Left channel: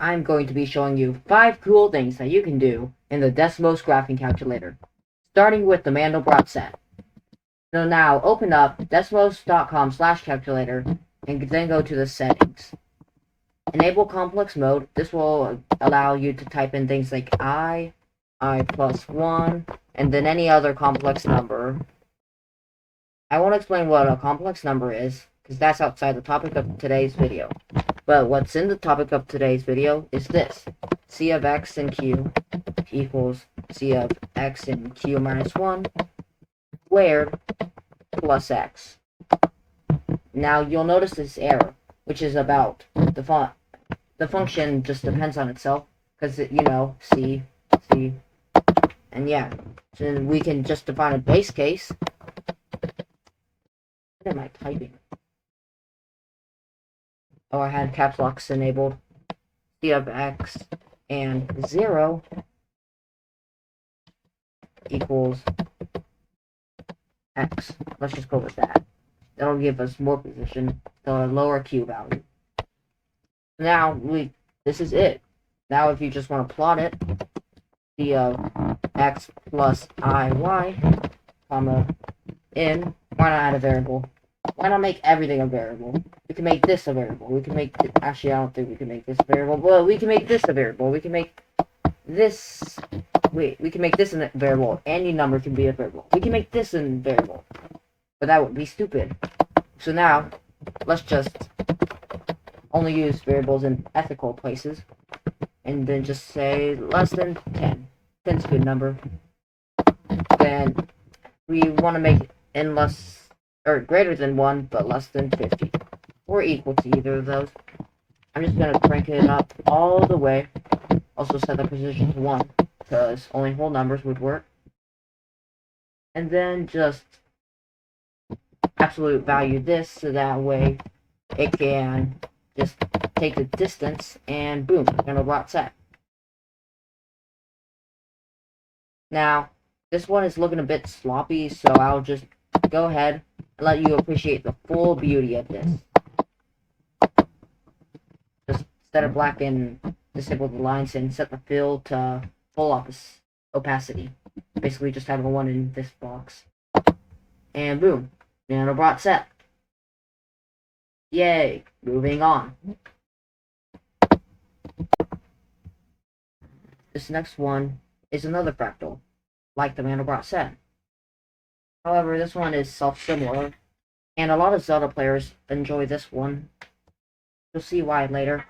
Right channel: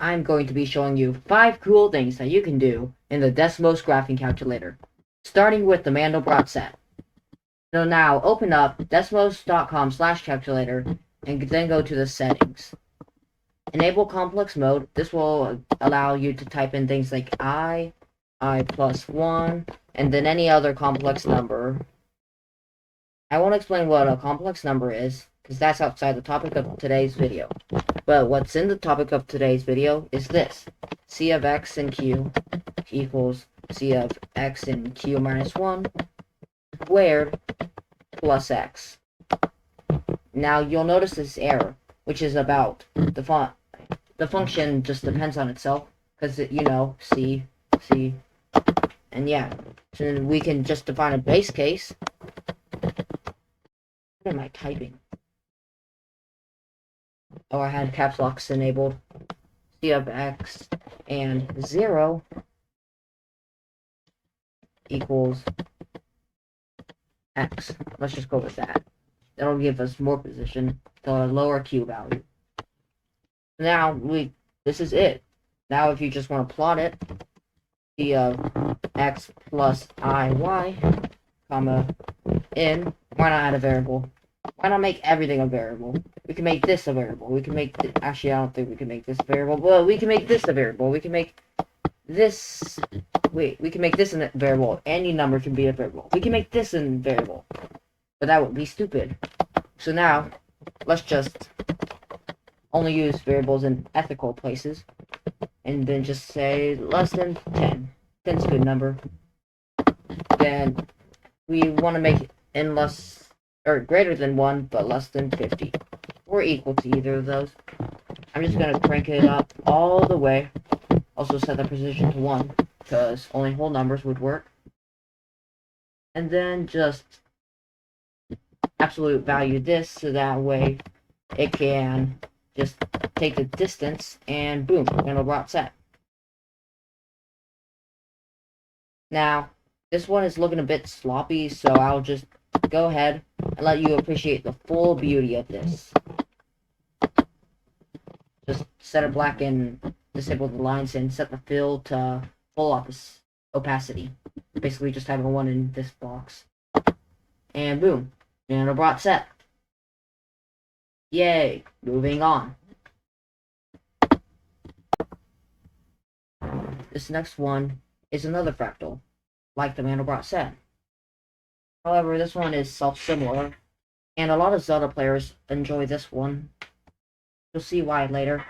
I'm going to be showing you 5 cool things that you can do in the Desmos graphing calculator, starting with the Mandelbrot set. So now open up desmos.com/calculator and then go to the settings. Enable complex mode. This will allow you to type in things like I plus 1, and then any other complex number. I won't explain what a complex number is, because that's outside the topic of today's video. But what's in the topic of today's video is this. C of x and q equals C of x and q minus 1 squared plus x. Now you'll notice this error, which is about the font. The function just depends on itself, because C, and yeah. So we can just define a base case. What am I typing? Oh, I had caps locks enabled. C of x and 0 equals x. Let's just go with that. That'll give us more position to a lower q value. Now, this is it. Now, if you just want to plot it, C of x plus iy, comma, in, why not add a variable? Why not make everything a variable? We can make this a variable. We can make, actually, I don't think we can make this a variable. Well, we can make this a variable. We can make this, we can make this a variable. Any number can be a variable. We can make this a variable. But that would be stupid. So now, let's just only use variables in ethical places. And then just say less than 10. 10's a good number. Then we want to make it in less, or greater than 1, but less than 50. Or equal to either of those. I'm just going to crank it up all the way. Also set the position to 1, because only whole numbers would work. And then just absolute value this, so that way it can just take the distance, and boom, Mandelbrot set. Now, this one is looking a bit sloppy, so I'll just go ahead and let you appreciate the full beauty of this. Just set it black and disable the lines and set the fill to full opacity. Basically just having a 1 in this box. And boom, Mandelbrot set. Yay, moving on. This next one is another fractal, like the Mandelbrot set. However, this one is self-similar, and a lot of Zelda players enjoy this one. You'll see why later.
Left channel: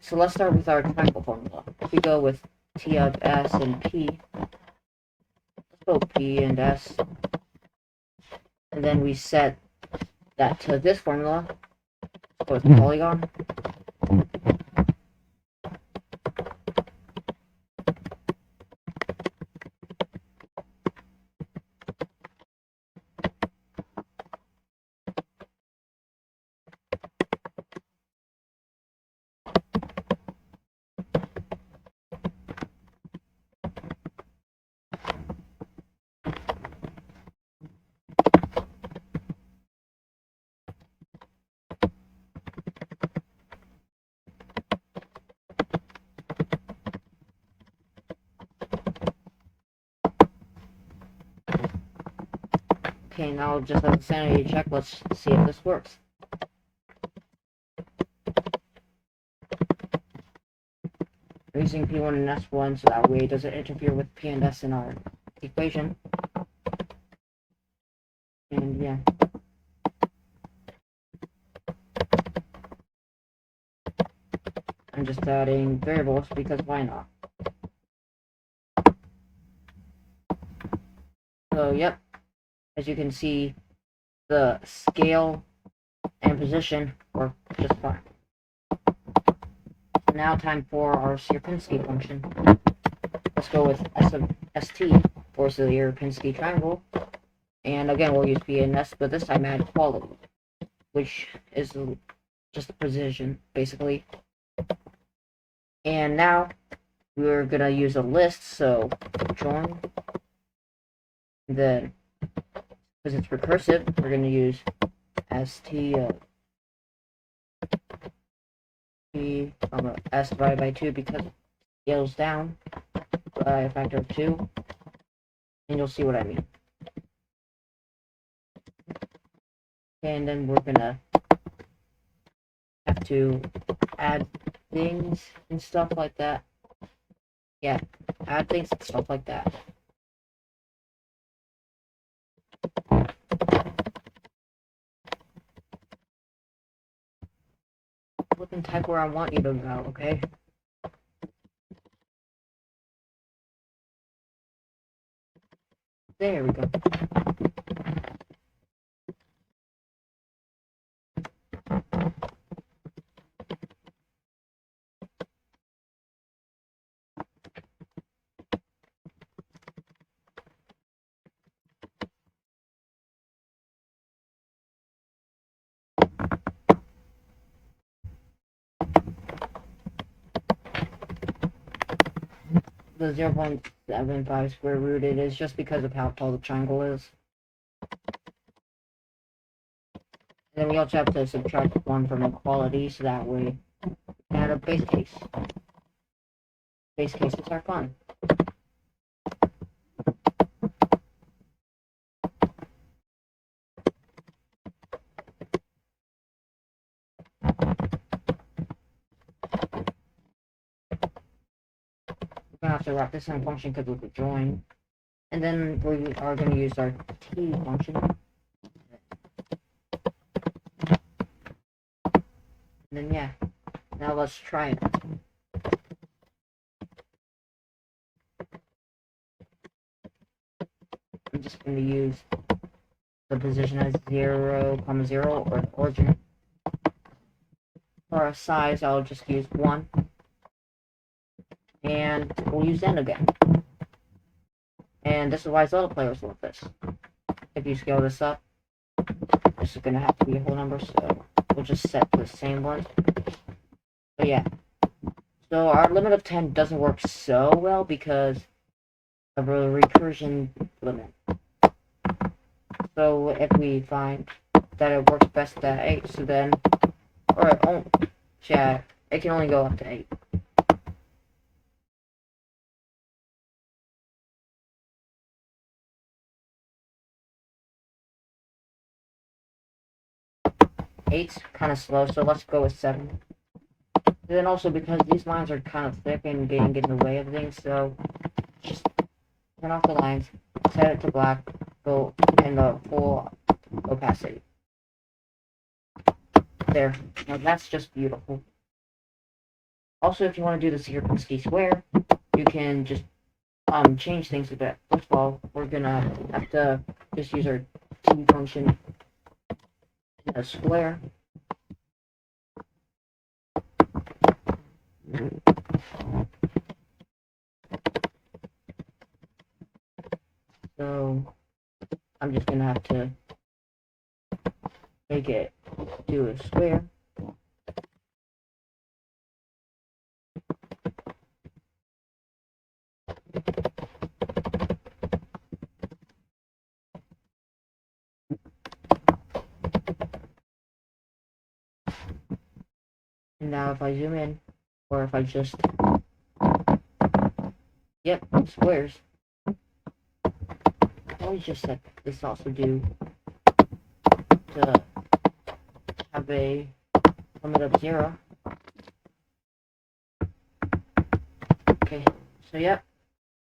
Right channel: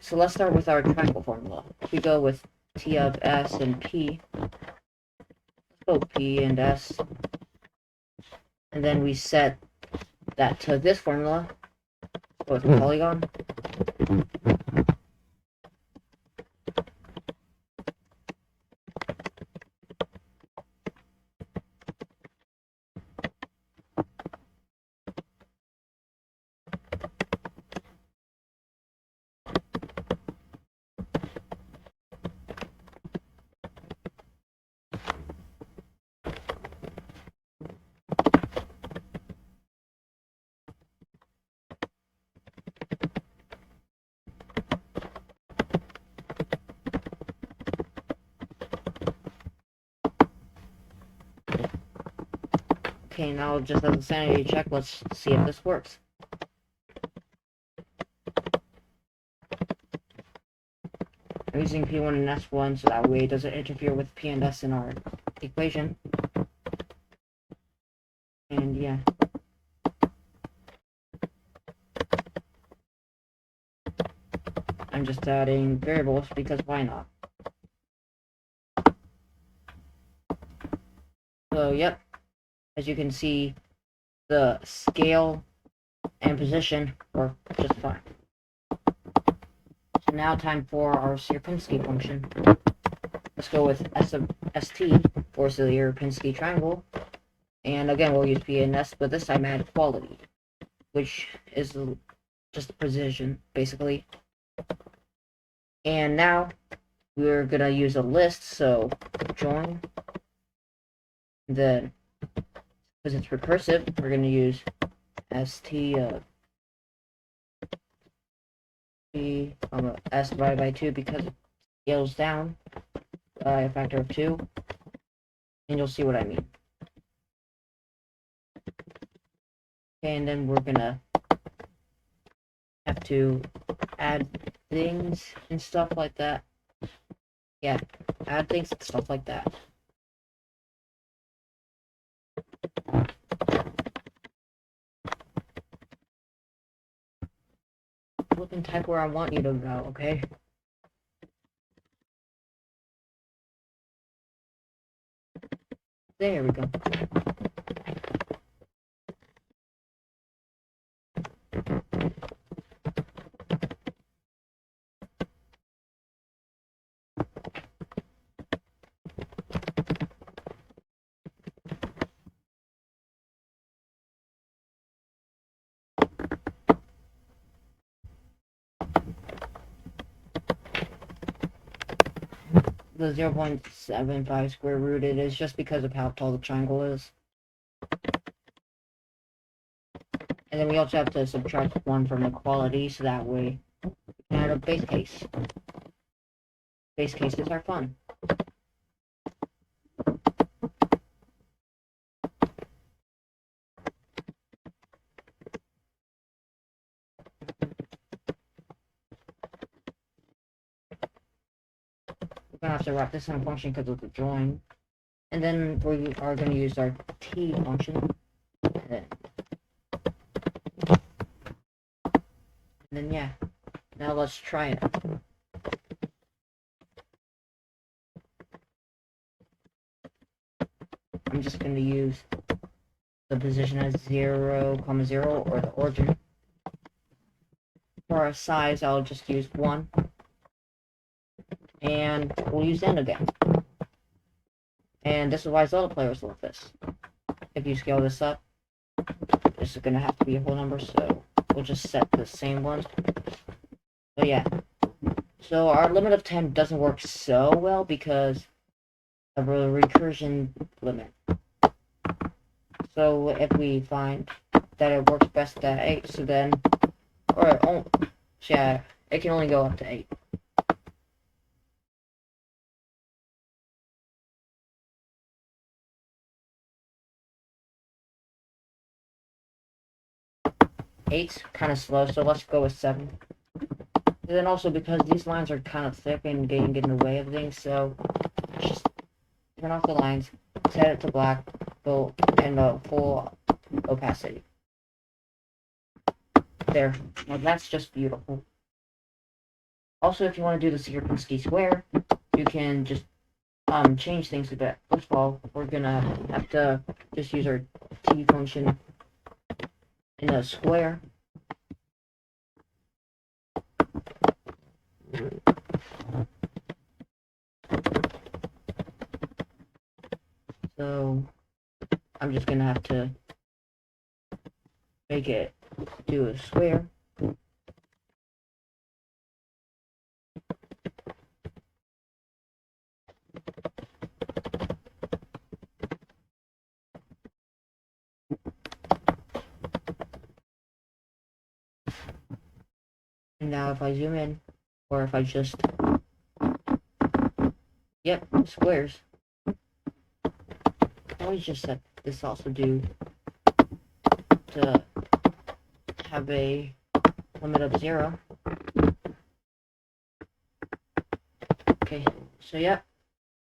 So let's start with our triangle formula. If we go with T of S and P, let's go P and S, and then we set that to this formula, go with polygon. Okay, now just as a sanity check, let's see if this works. I'm using P1 and S1 so that way it doesn't interfere with P and S in our equation. And yeah. I'm just adding variables because why not? So, yep. As you can see, the scale and position work just fine. So now time for our Sierpinski function. Let's go with S of ST for Sierpinski triangle. And again, we'll use P and S, but this time add quality, which is just the precision, basically. And now we're gonna use a list, so join. Then, because it's recursive, we're gonna use st be s divided by 2 because it scales down by a factor of 2, and you'll see what I mean. Okay, and then we're gonna have to add things and stuff like that. Yeah, add things and stuff like that. Look and type where I want you to go, okay? There we go. The 0.75 square root it is just because of how tall the triangle is. And then we also have to subtract 1 from equality, so that way we can add a base case. Base cases are fun. We're gonna have to wrap this in a function because of the join. And then we are gonna use our t function. And then yeah. Now let's try it. I'm just gonna use the position as 0, 0, or the origin. For our size, I'll just use 1. And we'll use n again. And this is why other players love this. If you scale this up, this is gonna have to be a whole number, so we'll just set the same one. So yeah. So our limit of 10 doesn't work so well because of a recursion limit. So if we find that it works best at 8, so then, or oh, yeah, it can only go up to 8. Eight's kind of slow, so let's go with 7. And then also because these lines are kind of thick and getting in the way of things, so just turn off the lines, set it to black, go in the full opacity. There. Now that's just beautiful. Also, if you want to do the Sierpinski square, you can just change things a bit. First of all, we're gonna have to just use our t function in a square. So I'm just gonna have to make it do a square. And now if I zoom in, or if I just, yep, squares. I always just set this also do to have a limit of 0. Okay, so yep.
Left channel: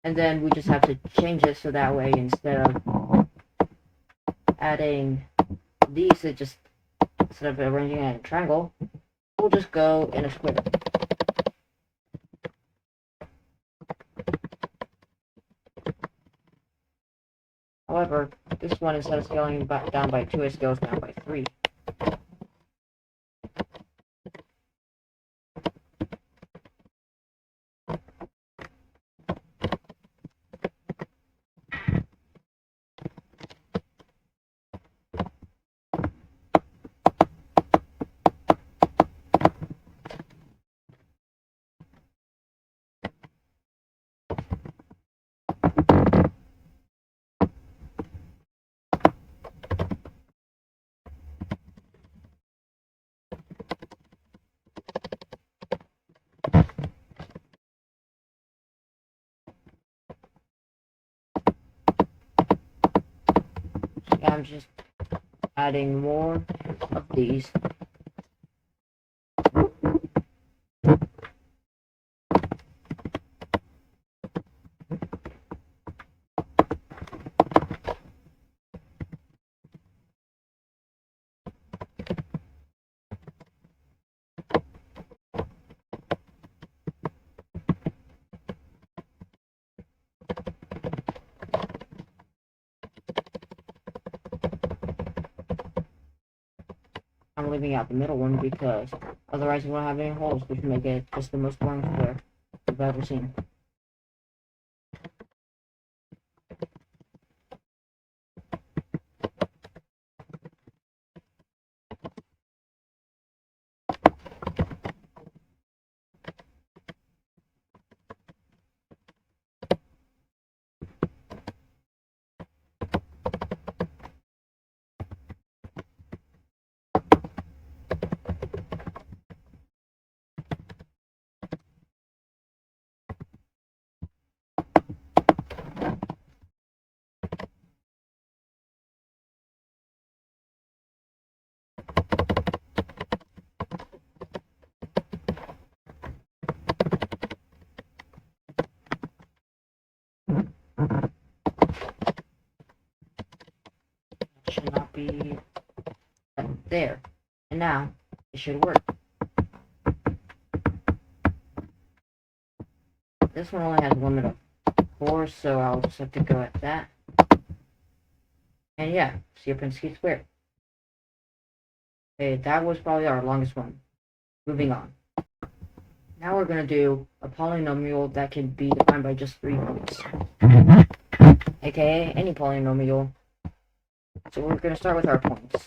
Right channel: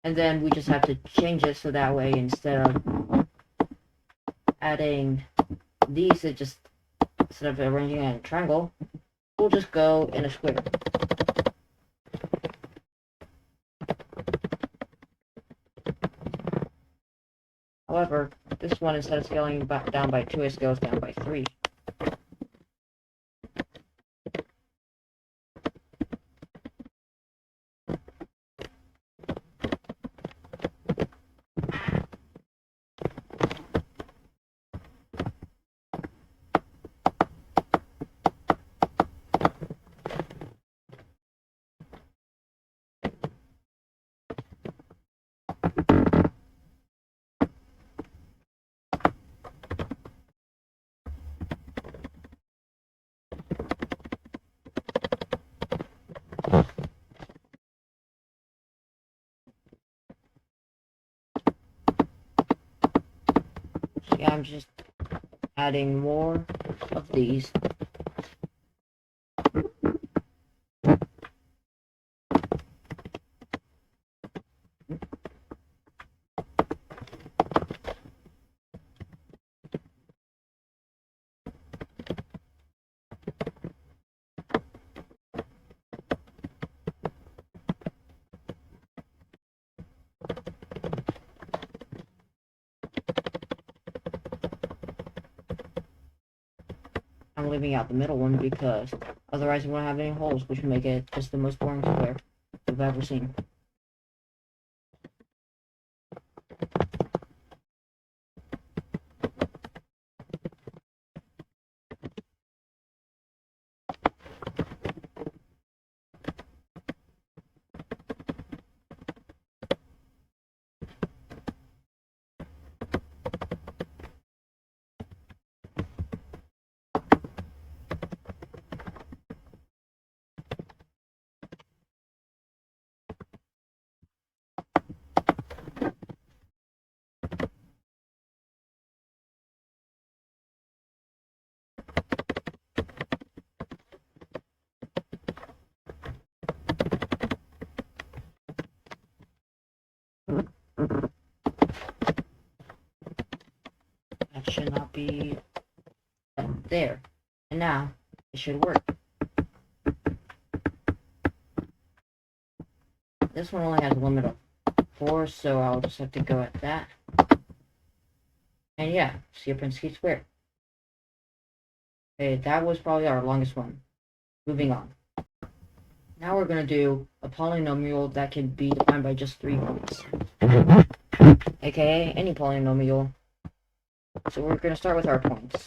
And then we just have to change it so that way instead of adding these, it just, instead of arranging it in a triangle, we'll just go in a square. However, this one, instead of scaling back down by 2, it scales down by 3. Yeah, I'm just adding more of these. I'm leaving out the middle one because otherwise we won't have any holes, which would make it just the most boring square we've ever seen. That should not be there. And now it should work. This one only has a limit of 4, so I'll just have to go at that. And yeah, see a Pensky square. Okay, that was probably our longest one. Moving on. Now we're going to do a polynomial that can be defined by just 3 points. AKA any polynomial. So we're going to start with our points.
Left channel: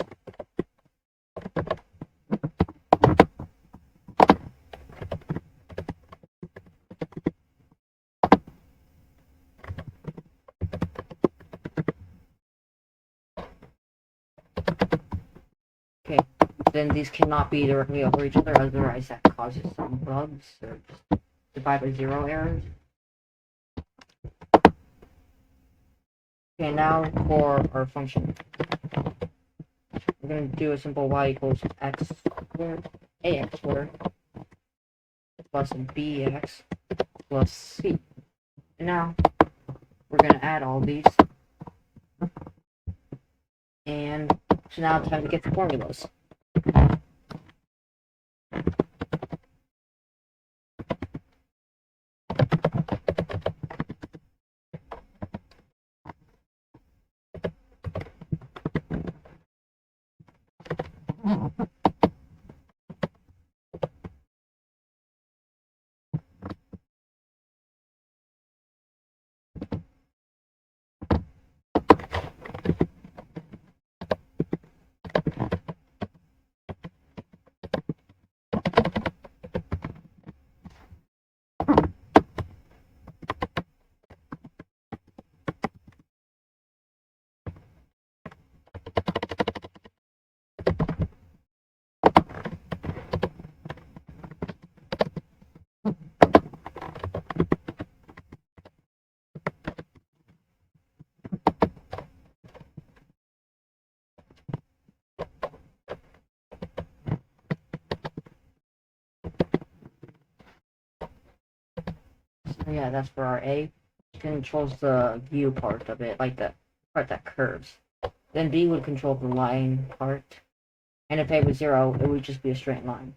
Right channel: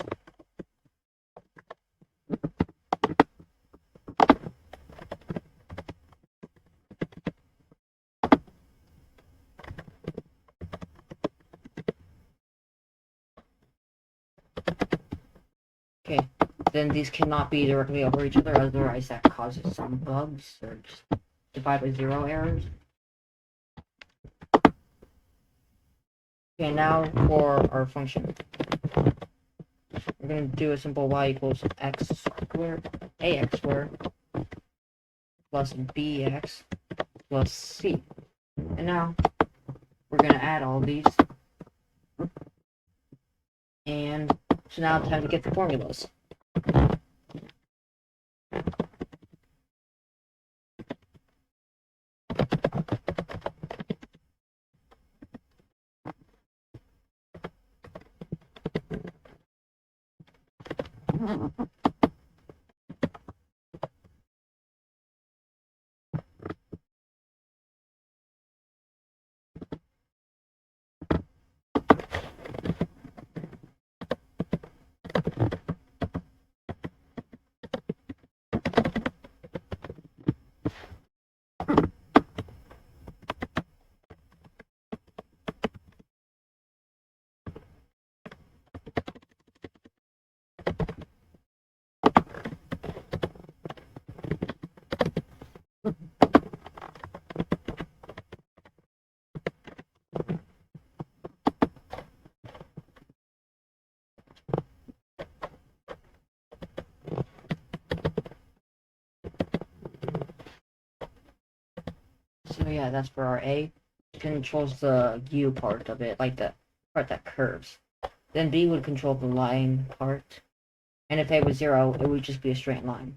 Okay, then these cannot be directly over each other, otherwise that causes some bugs or just divide by 0 errors. Okay, now for our function. We're going to do a simple y equals x squared, ax squared, plus bx plus c. And now we're going to add all these. And so now it's time to get the formulas. So yeah, that's for our A. It controls the U part of it, like the part that curves. Then B would control the line part. And if A was 0, it would just be a straight line.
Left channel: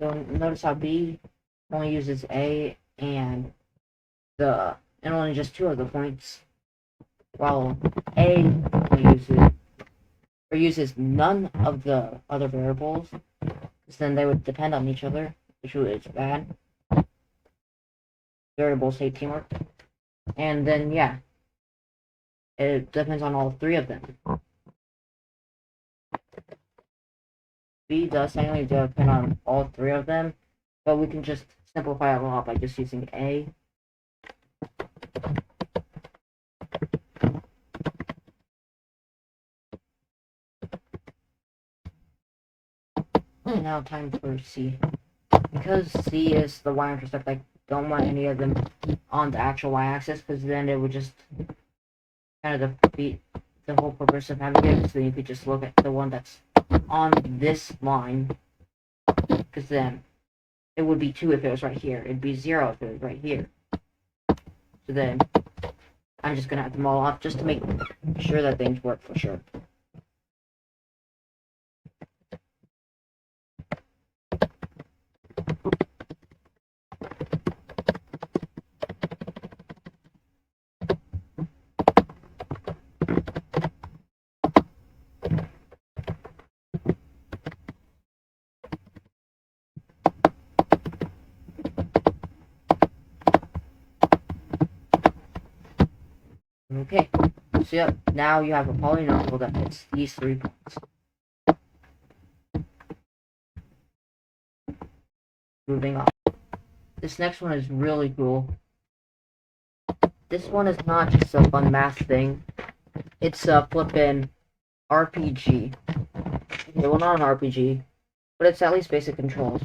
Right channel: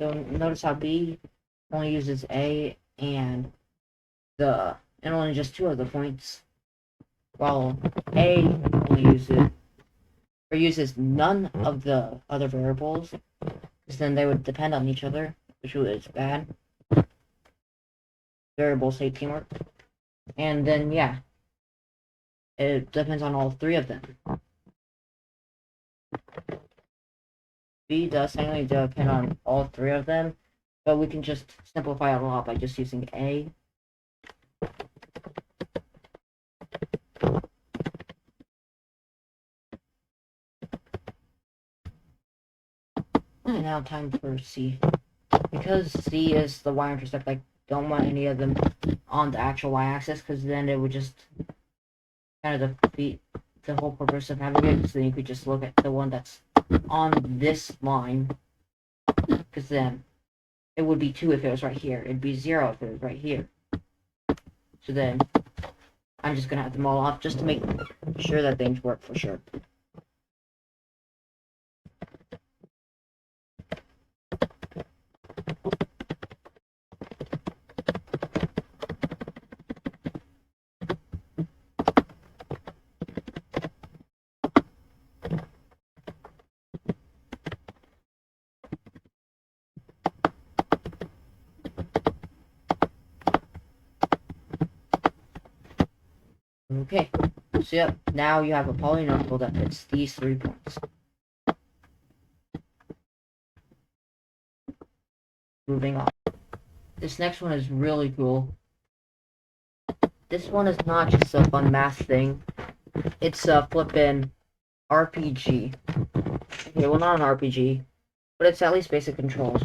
So notice how B only uses A and the and only just 2 of the points, while A only uses none of the other variables, because then they would depend on each other, which is bad. Variables hate teamwork. And then, yeah, it depends on all 3 of them. B does technically depend on all 3 of them, but we can just simplify a lot by just using A. And now time for C. Because C is the y-intercept, I don't want any of them on the actual y-axis, because then it would just kind of defeat the whole purpose of having it, so you could just look at the one that's on this line, because then it would be 2 if it was right here, it'd be 0 if it was right here. So then, I'm just gonna have them all off, just to make sure that things work for sure. Okay, so yep, now you have a polynomial that fits these 3 points. Moving on. This next one is really cool. This one is not just a fun math thing. It's a flippin' RPG. Okay, well, not an RPG, but it's at least basic controls.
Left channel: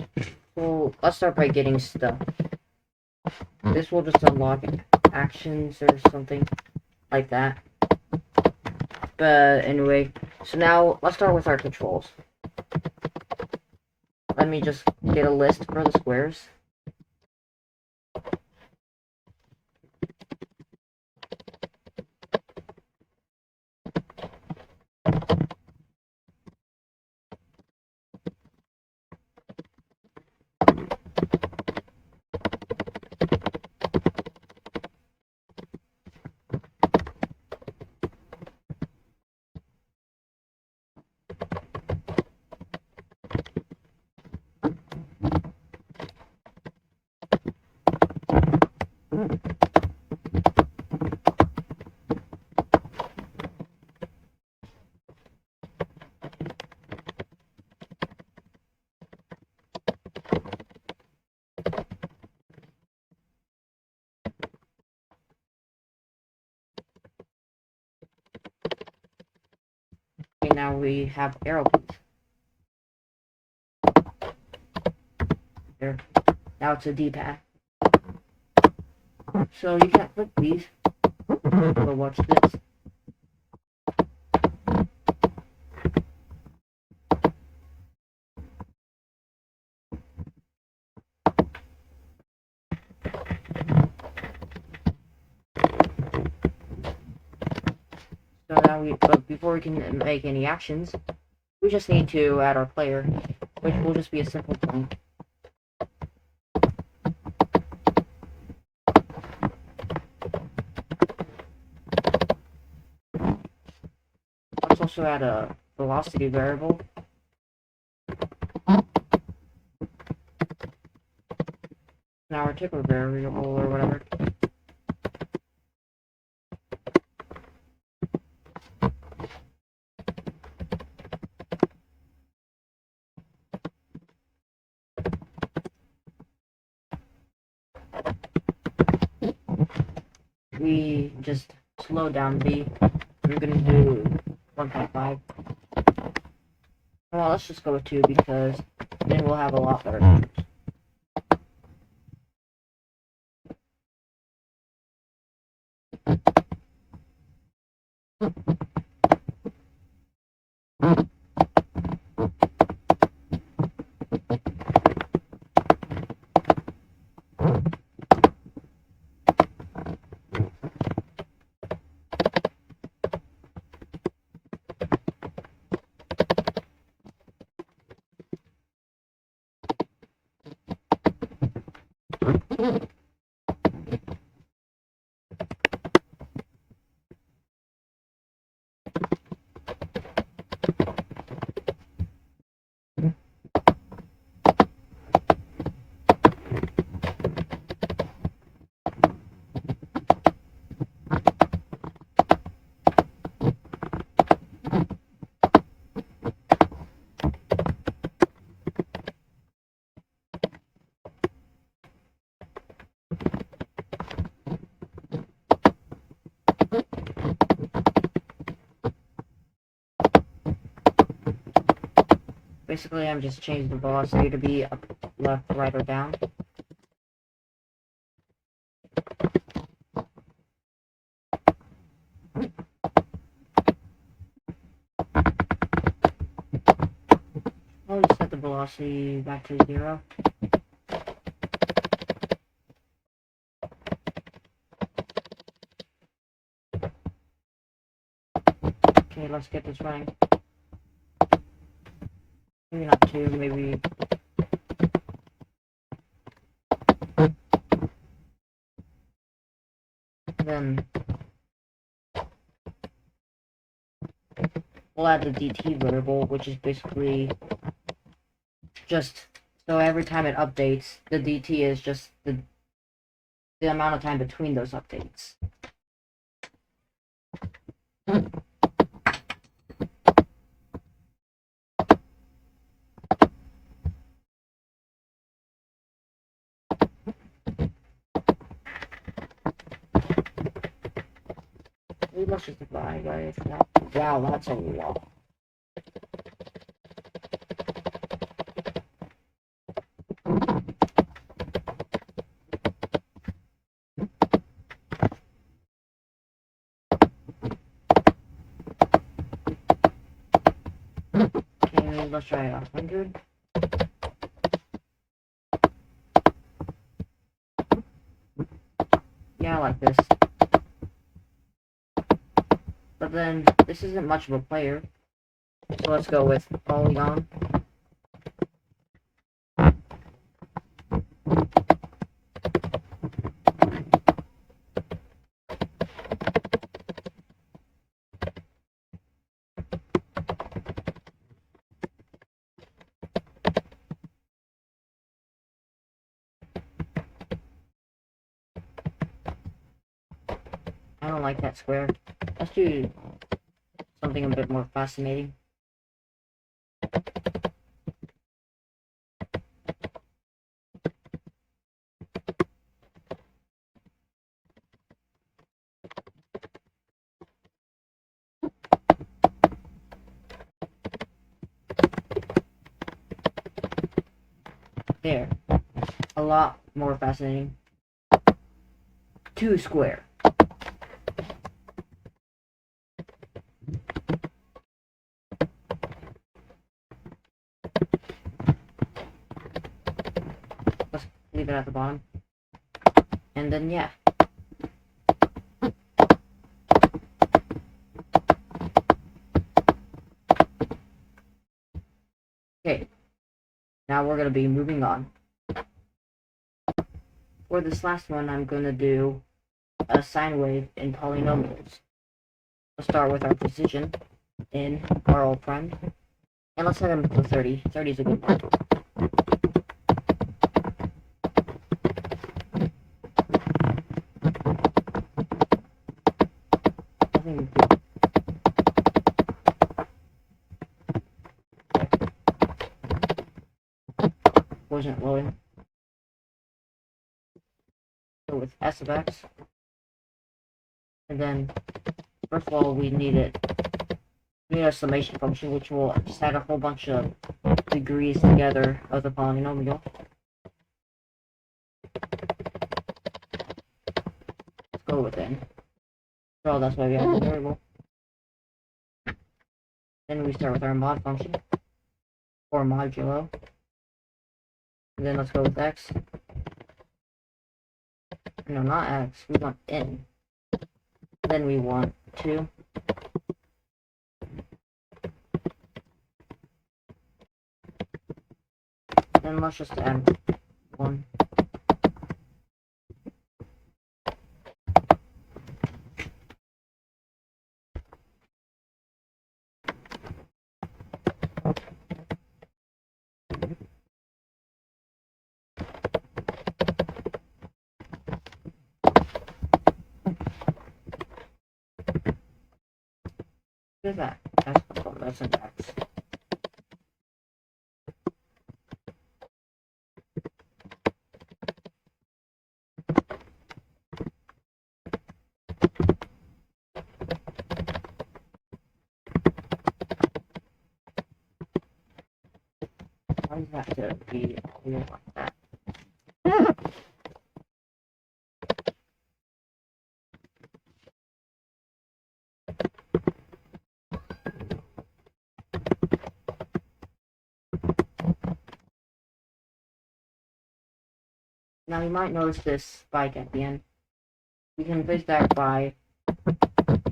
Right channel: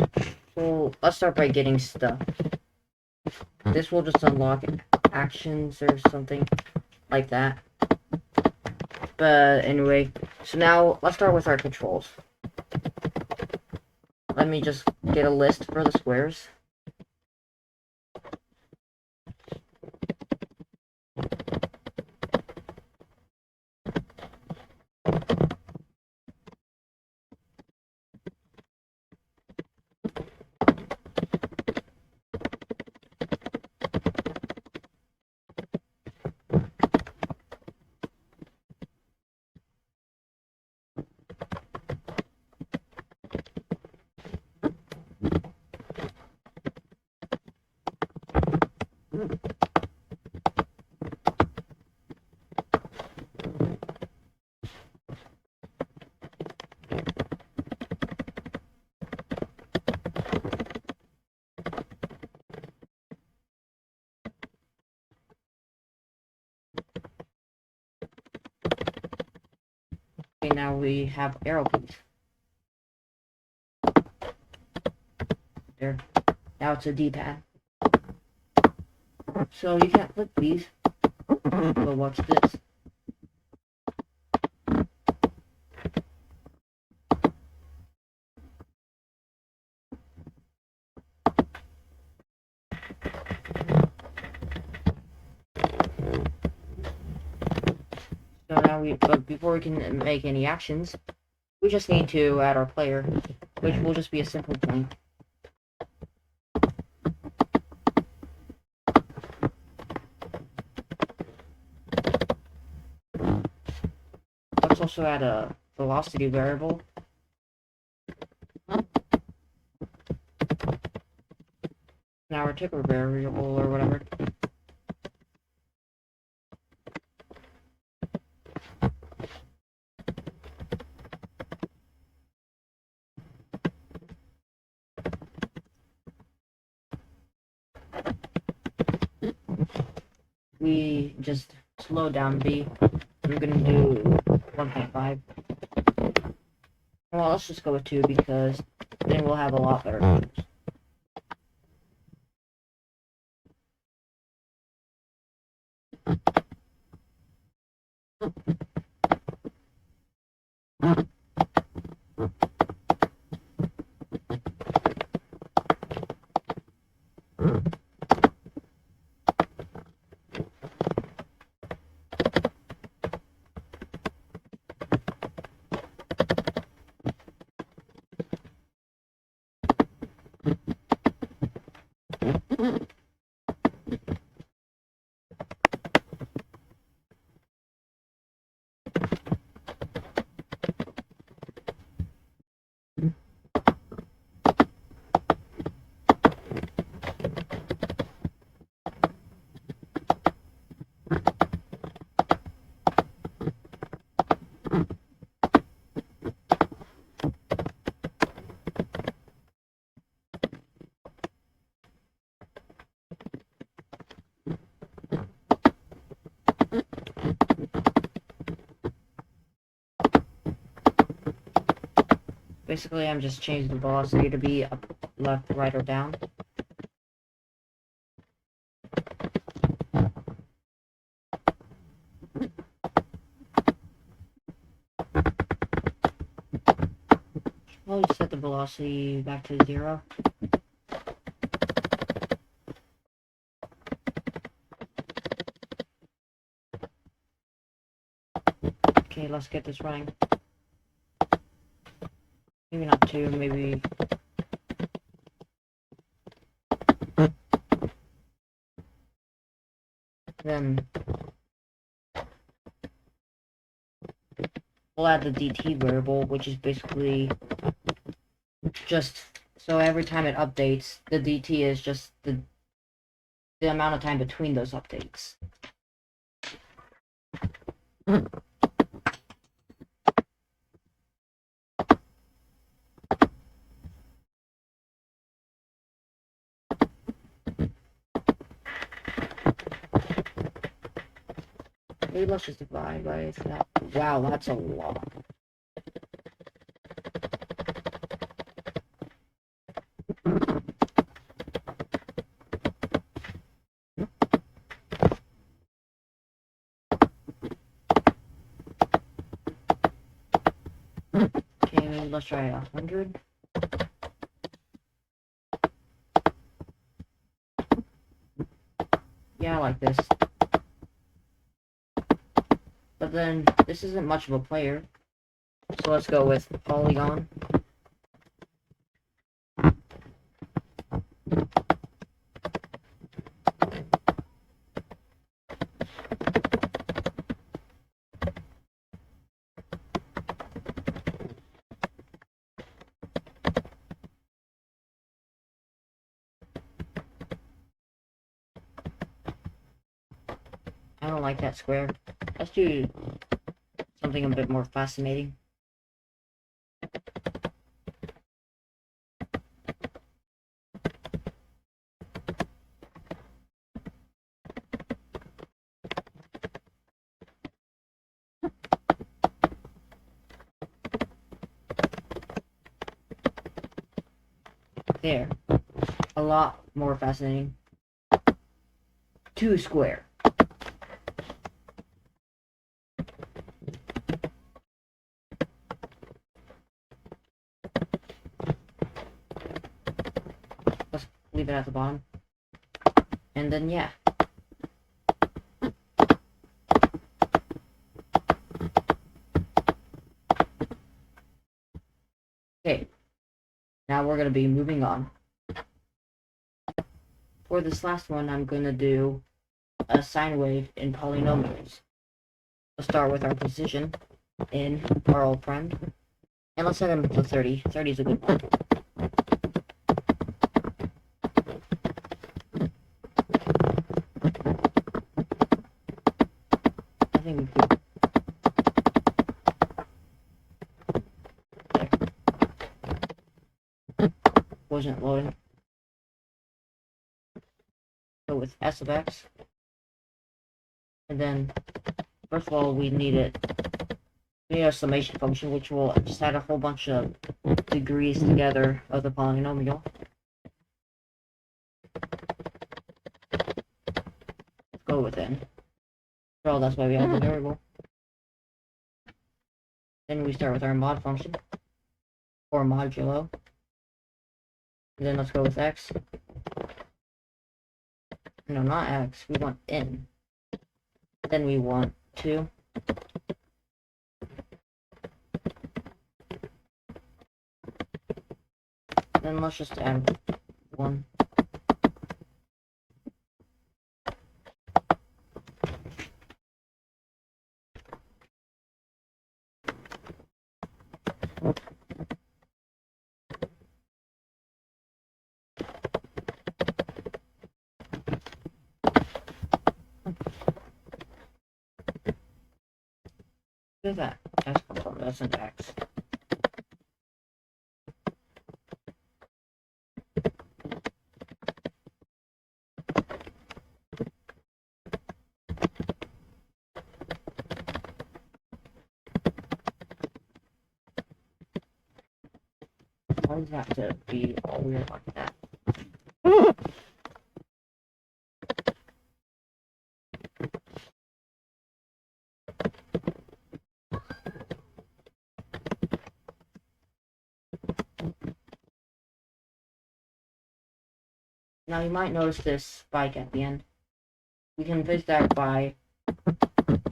So let's start by getting stuff. This will just unlock actions or something like that. But anyway, so now let's start with our controls. Let me just get a list for the squares. Okay, now we have arrow keys. There. Now it's a D-pad. So you can't flip these. So watch this. So now but before we can make any actions, we just need to add our player, which will just be a simple thing. Let's also add a velocity variable. Now our tickler variable or whatever. We just slow down B. We're gonna do 1.5. Well, let's just go with 2 because then we'll have a lot better numbers. Basically, I'm just changing the velocity to be up, left, right, or down. I'll just set the velocity back to 0. Okay, let's get this running. Maybe not 2, maybe... Then... we'll add the DT variable, which is basically... just... so every time it updates, the DT is just the amount of time between those updates. Maybe let's just divide by that. Wow, that's a lot. Okay, maybe let's try 100. Yeah, I like this. But then, this isn't much of a player. So let's go with polygon. I don't like that square. Let's do something a bit more fascinating. There. A lot more fascinating. 2 square. Let's leave it at the bottom. And then, yeah. Okay. Now we're going to be moving on. For this last one, I'm going to do a sine wave in polynomials. Let's start with our position in our all primed. And let's set them to 30. 30 is a good one. I think we could... wasn't loading. Go with S of X. And then, first of all, we need a summation function, which will just add a whole bunch of degrees together of the polynomial. Let's go with n. Well, that's why we have the variable. Then we start with our mod function, or modulo. And then let's go with x. No, not x. We want n. Then we want 2. Then let's just add 1. What is that? That's an x. Why does that to be all weird like that? Now you might notice this spike at the end. We can fix that by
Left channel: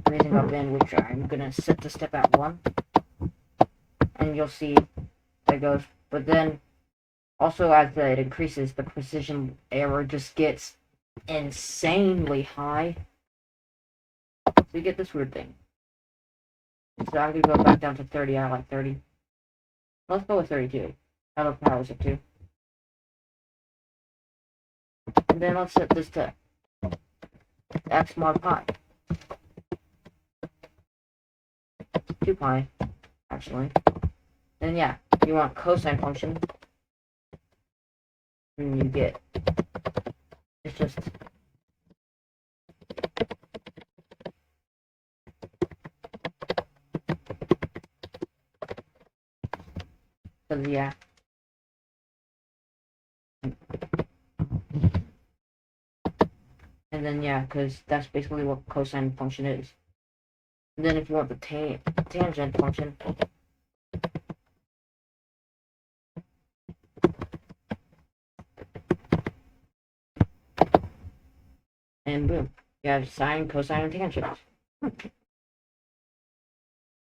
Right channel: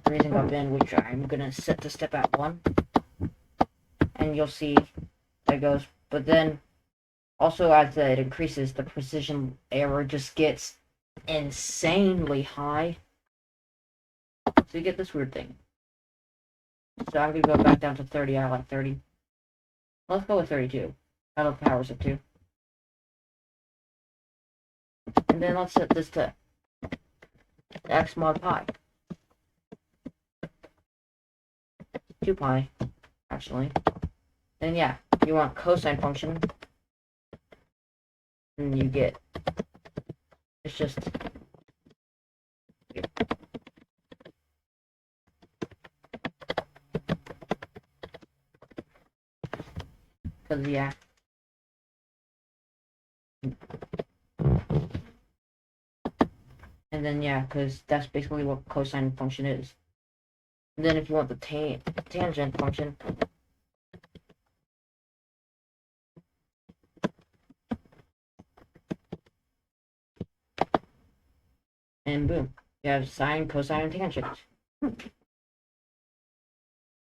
raising our bin, which I'm gonna set the step at 1. And you'll see that goes. But then, also as it increases, the precision error just gets insanely high. So you get this weird thing. So I'm gonna go back down to 30. I like 30. Let's go with 32. I love powers of 2. And then let's set this to x mod pi. 2 pi, actually. Then yeah, you want cosine function. And you get, it's just, because yeah. And then yeah, because that's basically what cosine function is. And then if you want the tangent function, and boom, you have sine, cosine, and tangent.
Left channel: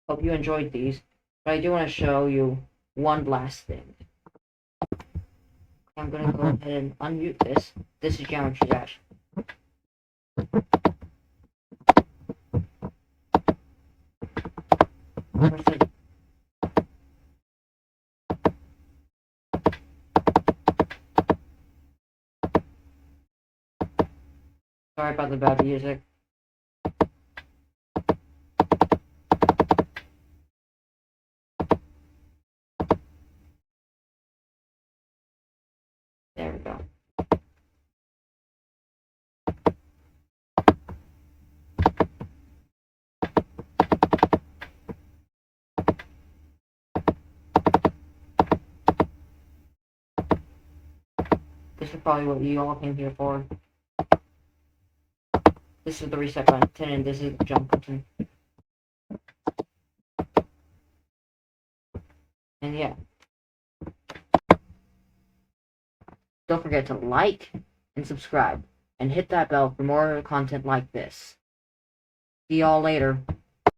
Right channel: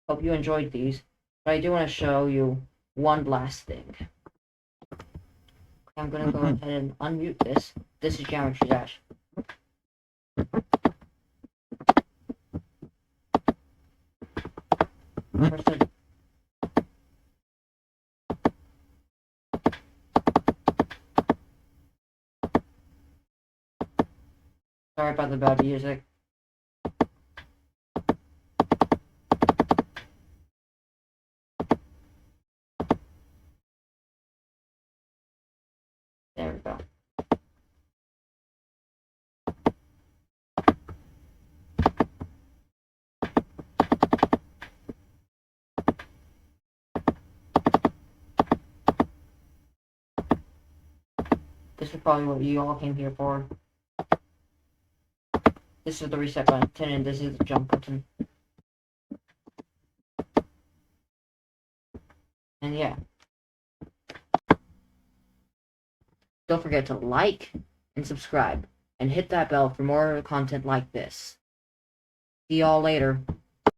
Hope you enjoyed these, but I do want to show you one last thing. I'm gonna go ahead and unmute this. This is Geometry Dash. Sorry about the bad music. There we go. This is probably what you all came here for. This is the reset button, and this is the jump button. And yeah. Don't forget to like and subscribe, and hit that bell for more content like this. See y'all later.